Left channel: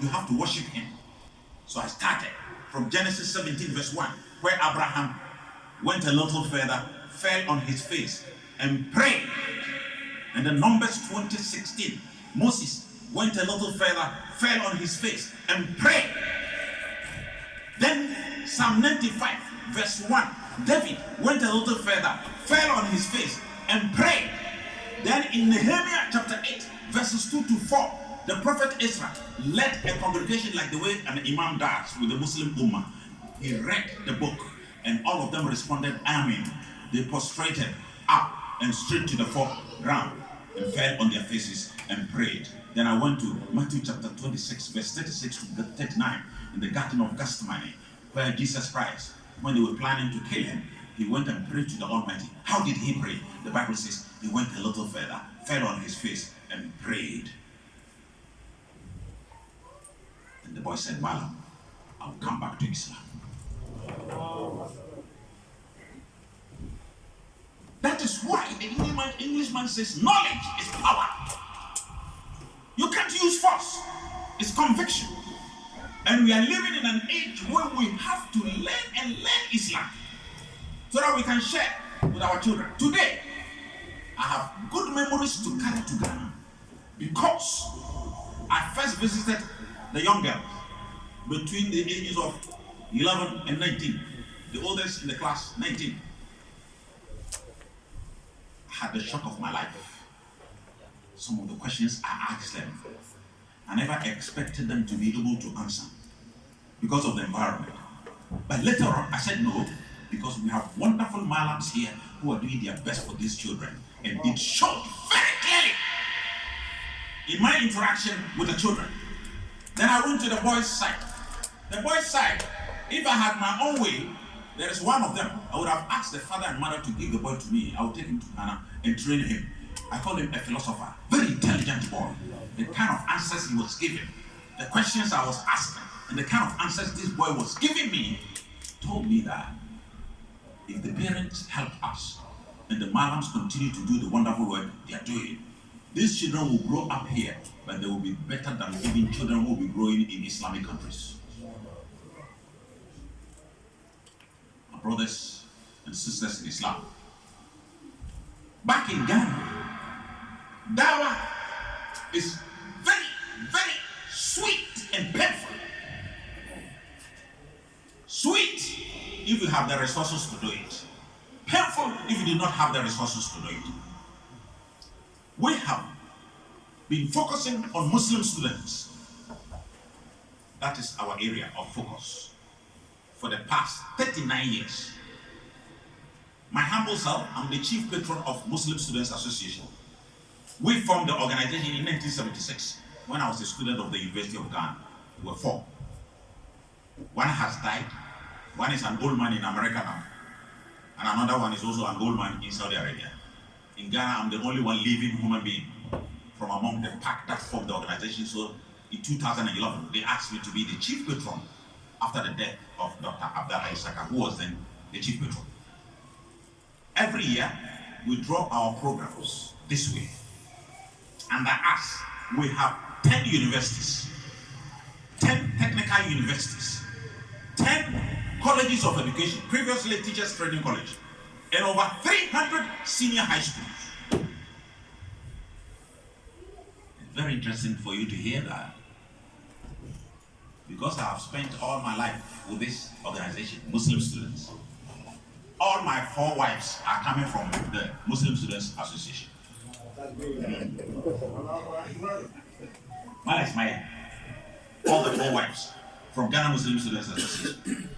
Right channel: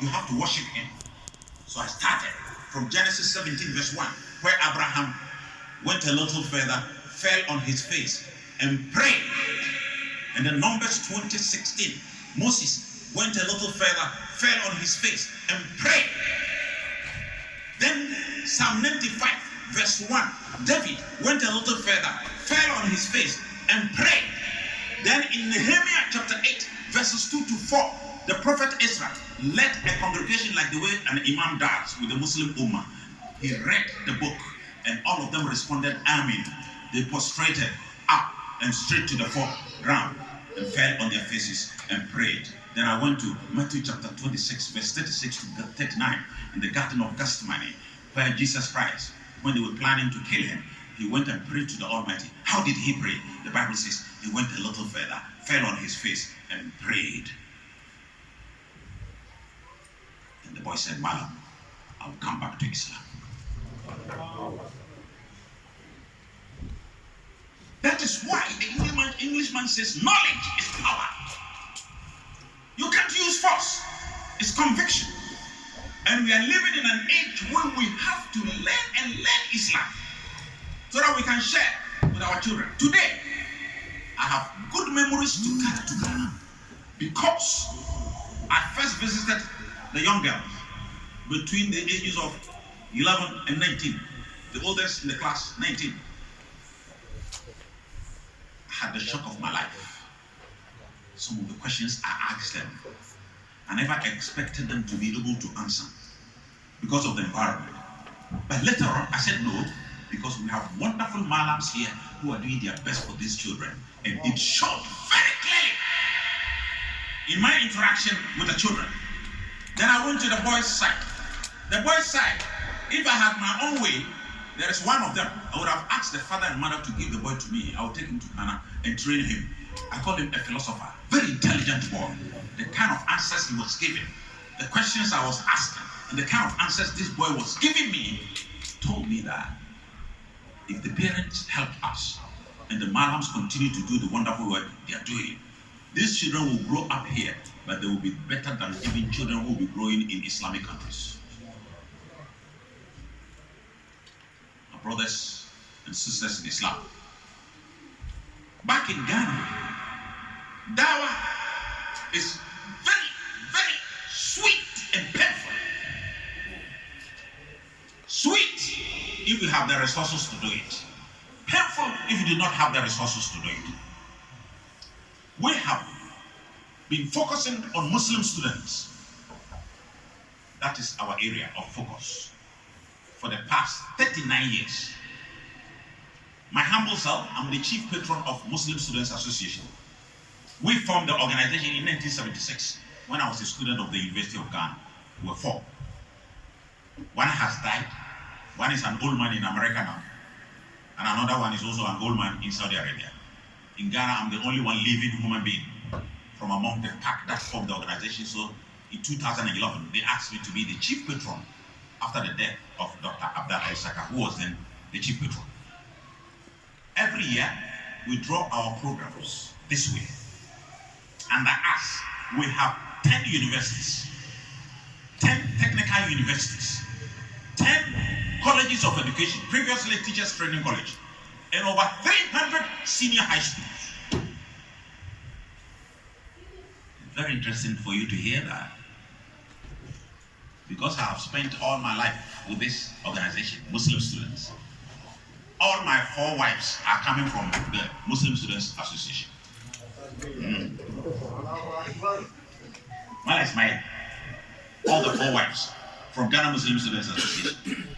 you have to worship him. So I started from Genesis 17 verse 1, where Abraham went a little further, fell on his face and prayed. And then Numbers 20:16, Moses went a little further, fell on his face and prayed. Then Psalm 95 verse 1, David went a little further, fell on his face and prayed. Then in Nehemiah chapter 8 verses 2 to 4, the prophet Ezra led a congregation like the way an imam does with the Muslim Ummah. He read the book and all of them responded, Amen. They prostrated up and straight to the ground and fell on their faces and prayed. Then I went to Matthew chapter 26 verse 36 to 39 in the Garden of Gethsemane, where Jesus Christ, when they were planning to kill him, he went and prayed to the Almighty. How did he pray? The Bible says he went a little further, fell on his face and prayed. And the boy said, Malam, I'll come back to Islam. That is why the Englishman says knowledge is power. You can't use force. It's conviction. And we are living in an age where we have to learn Islam so that we can share with our children. Today, I have good memories to carry to Ghana because I first visited the young girls between the ages of 11 and 19. The oldest in the class, 19. I had the shock of my life. Some of the questions I asked them, I never expected them to be able to answer because of the environment. But later on, I said no, because we have wonderful malams here who are doing their best for these children. And it showed very clearly in my interaction with the children. Then I went to the boys' side. The boys' side, if I had my own way, there is one of them. I would have asked the father and mother to give the boy to me. I would take him to Ghana and train him. I call him a philosopher. Very intelligent boy. The kind of answers he was giving, the questions I was asking, and the kind of answers this boy was giving me told me that if the parents help us and the malams continue to do the wonderful work they are doing, these children will grow up here, but they will be better than even children who will be growing in Islamic countries. My brothers and sisters in Islam, back in Ghana, dawah is very, very sweet and painful. Sweet if you have the resources to do it. Painful if you do not have the resources to do it. We have been focusing on Muslim students. That is our area of focus for the past 39 years. My humble self, I'm the chief patron of Muslim Students Association. We formed the organization in 1976 when I was a student of the University of Ghana. We were 4. One has died. One is an old man in America now. And another one is also an old man in Saudi Arabia. In Ghana, I'm the only one living human being from among the pack that formed the organization. So in 2011, they asked me to be the chief patron after the death of Dr. Issaka, who was then the chief patron. Every year, we draw our programs this way. Under us, we have 10 universities, 10 technical universities, 10 colleges of education, previously Teachers Training College, and over 300 senior high schools. It's very interesting for you to hear that, because I have spent all my life with this organization, Muslim Students. All my 4 wives are coming from the Muslim Students Association. Mala Ismail, all the 4 wives from Ghana Muslim Students Association.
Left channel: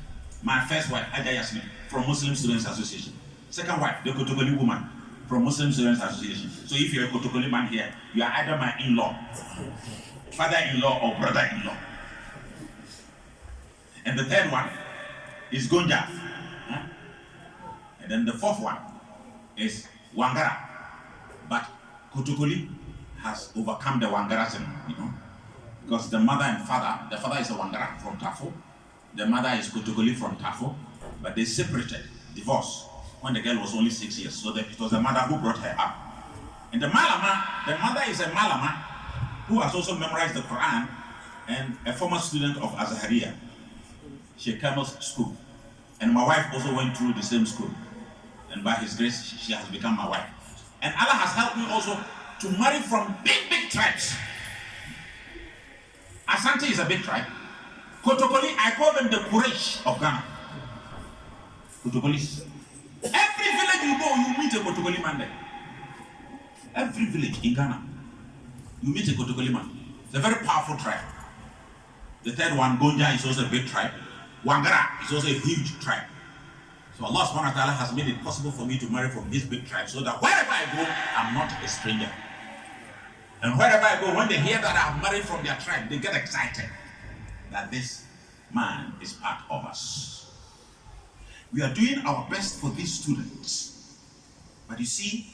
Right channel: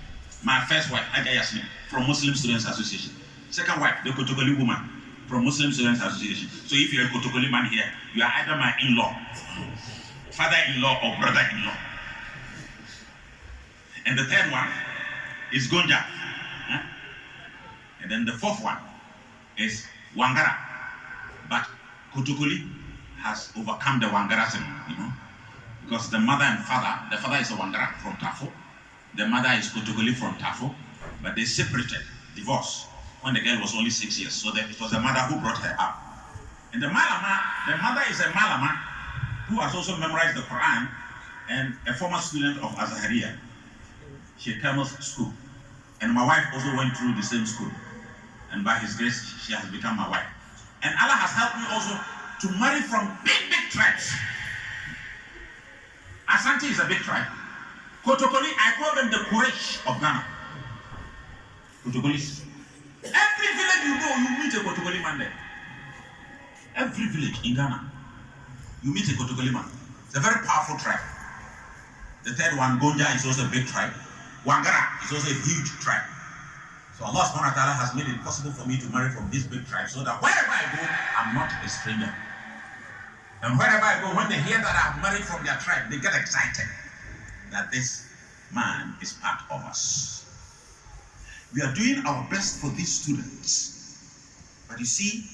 My first wife, Aja Yasmin, from Muslim Students Association. Second wife, the Kotokoli woman, from Muslim Students Association. So if you're a Kotokoli man here, you are either my in-law, father-in-law, or brother-in-law. And the third one is Gonja. And then the 4th one is Wangara. But Kotokoli has overcome the Wangarism, because the mother and father, the father is a Wangara from Tafo, the mother is Kotokoli from Tafo, but they separated, divorced, when the girl was only 6 years. So it was the mother who brought her up. And the mother is a Malama who has also memorized the Quran and a former student of Azahariya, Sheikh school. And my wife also went through the same school. And by his grace, she has become my wife. And Allah has helped me also to marry from big tribes. Asante is a big tribe. Kotokoli, I call them the Quraysh of Ghana. Kotokolis. Every village you go, you meet a Kotokoli man there. Every village in Ghana, you meet a Kotokoli man. It's a very powerful tribe. The third one, Gonja, is also a big tribe. Wangara is also a huge tribe. So Allah subhanahu wa ta'ala has made it possible for me to marry from this big tribe so that wherever I go, I'm not a stranger. And wherever I go, when they hear that I've married from their tribe, they get excited that this man is part of us. We are doing our best for these students. But you see,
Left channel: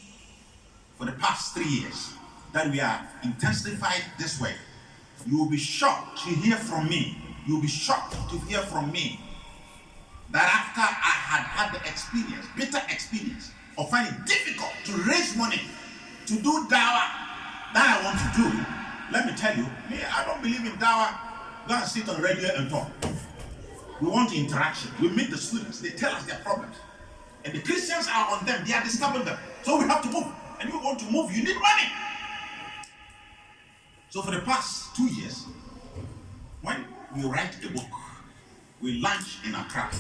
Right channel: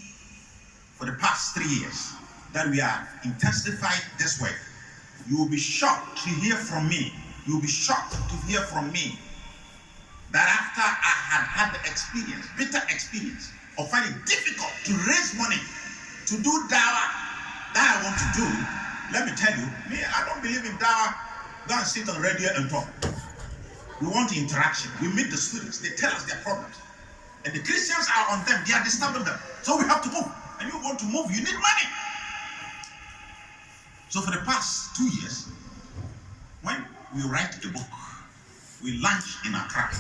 for the past 3 years that we are intensified this way, you will be shocked to hear from me. You will be shocked to hear from me that after I had the experience, bitter experience of finding it difficult to raise money to do dawah that I want to do, let me tell you, me, I don't believe in dawah. Go and sit on radio and talk. We want interaction. We meet the students. They tell us their problems. And the Christians are on them. They are disturbing them. So we have to move. And you want to move, you need money. So for the past 2 years, when we write a book, we launch in Accra.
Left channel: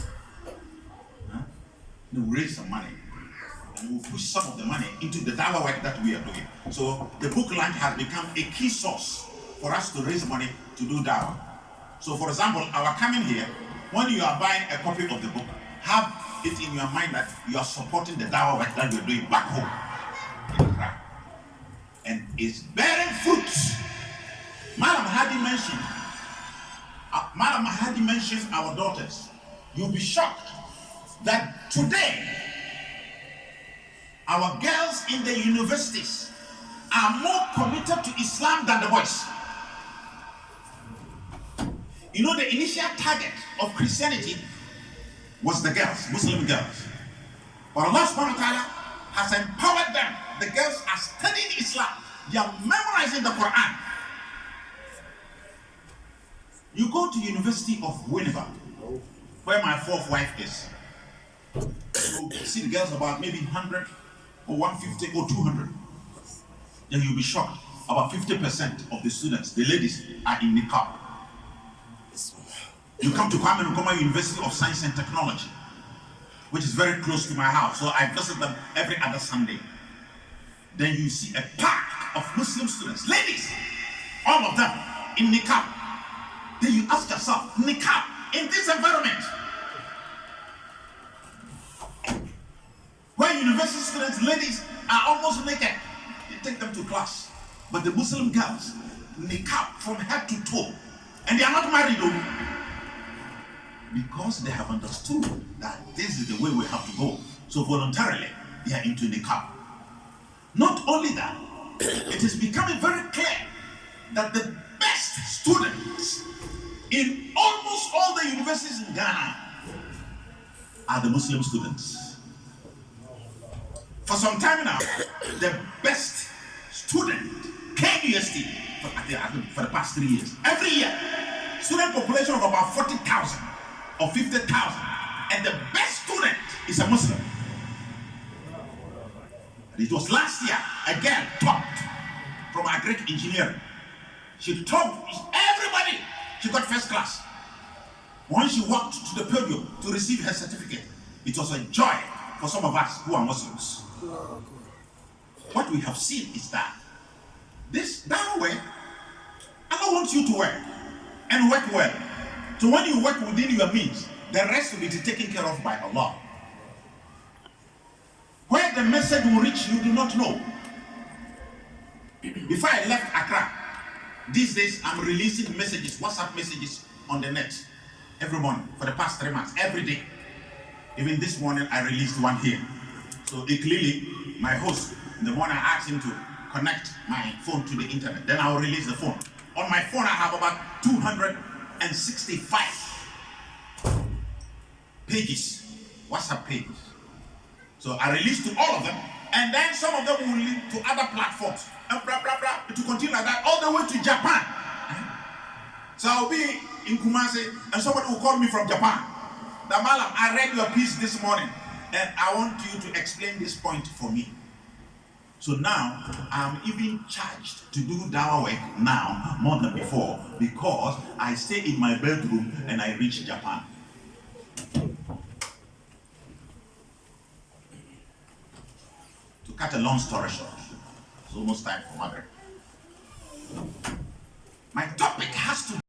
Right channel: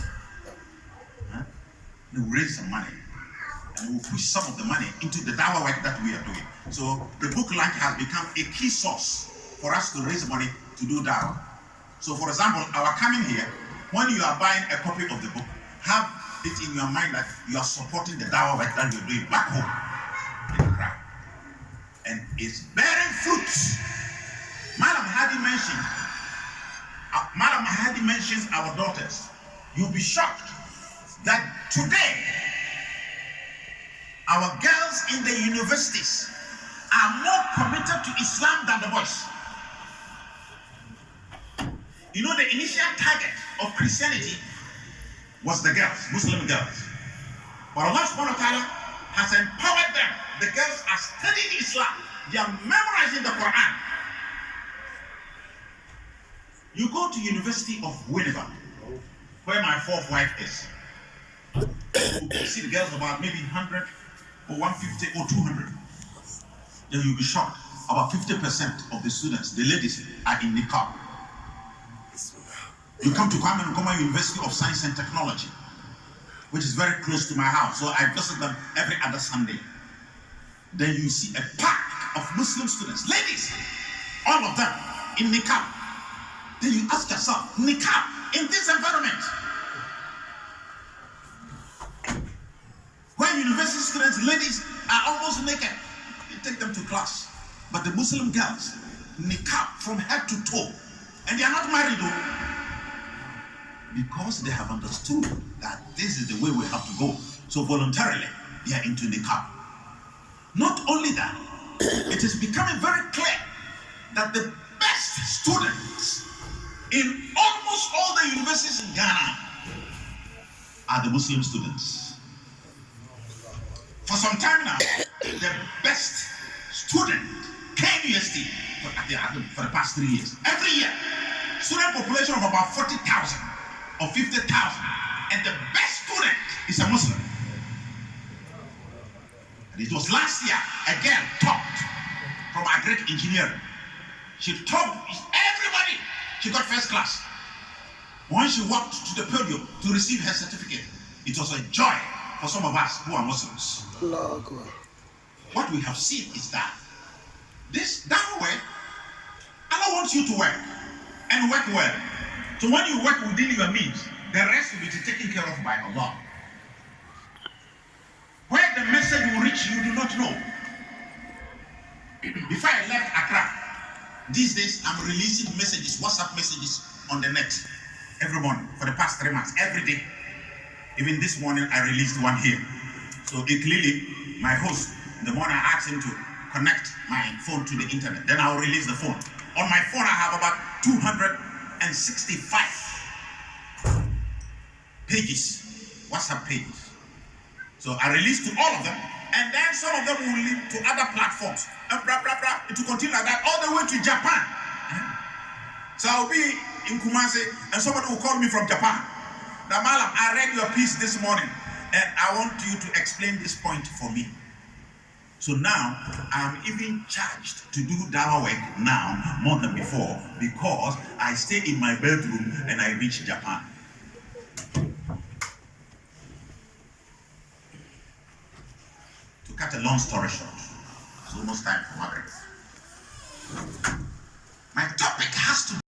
We raise some money. And we'll push some of the money into the dawah work that we are doing. So the book launch has become a key source for us to raise money to do dawah. So for example, our coming here, when you are buying a copy of the book, have it in your mind that you are supporting the dawah work that we're doing back home in Accra. And it's bearing fruits. Madam Hadi mentions our daughters. You'll be shocked that today our girls in the universities are more committed to Islam than the boys. You know, the initial target of Christianity was the girls, Muslim girls. But Allah subhanahu wa ta'ala has empowered them. The girls are studying Islam. They are memorizing the Quran. You go to University of Winneba, where my fourth wife is. You see the girls about maybe 100 or 150 or 200. Then you'll be shocked. About 50% of the students, the ladies, are in niqab. You come to Kwame Nkrumah University of Science and Technology, which is very close to my house. So I visit them every other Sunday. Then you see a pack of Muslim students, ladies, all of them in niqab. Then you ask yourself, niqab in this environment, where university students, ladies, are almost naked, you take them to class. But the Muslim girls, niqab from head to toe, and they are not married though, because they have understood that this is the way we have to go. So voluntarily, they are into niqab. Not only that, it is becoming very clear that the best students in almost all the universities in Ghana are the Muslim students. For some time now, the best student, KUST, for the past 3 years, every year, student population of about 40,000 or 50,000, and the best student is a Muslim. And it was last year, a girl topped from agric engineering. She topped everybody. She got first class. When she walked to the podium to receive her certificate, it was a joy for some of us who are Muslims. What we have seen is that that way, Allah wants you to work and work well. So when you work within your means, the rest will be taken care of by Allah. Where the message will reach, you do not know. Before I left Accra, these days I'm releasing messages, WhatsApp messages on the net every morning for the past 3 months, every day. Even this morning I released one here. So clearly, my host, in the morning I asked him to connect my phone to the internet. Then I'll release the phone. On my phone I have about 265 pages, WhatsApp pages. So I released to all of them, and then some of them will lead to other platforms. And blah, blah, blah. It will continue like that all the way to Japan. So I'll be in Kumasi and somebody will call me from Japan. That Malam, I read your piece this morning and I want you to explain this point for me. So now I'm even charged to do dawah work now more than before because I stay in my bedroom and I reach Japan. To cut a long story short, it's almost time for Maghrib. My topic has to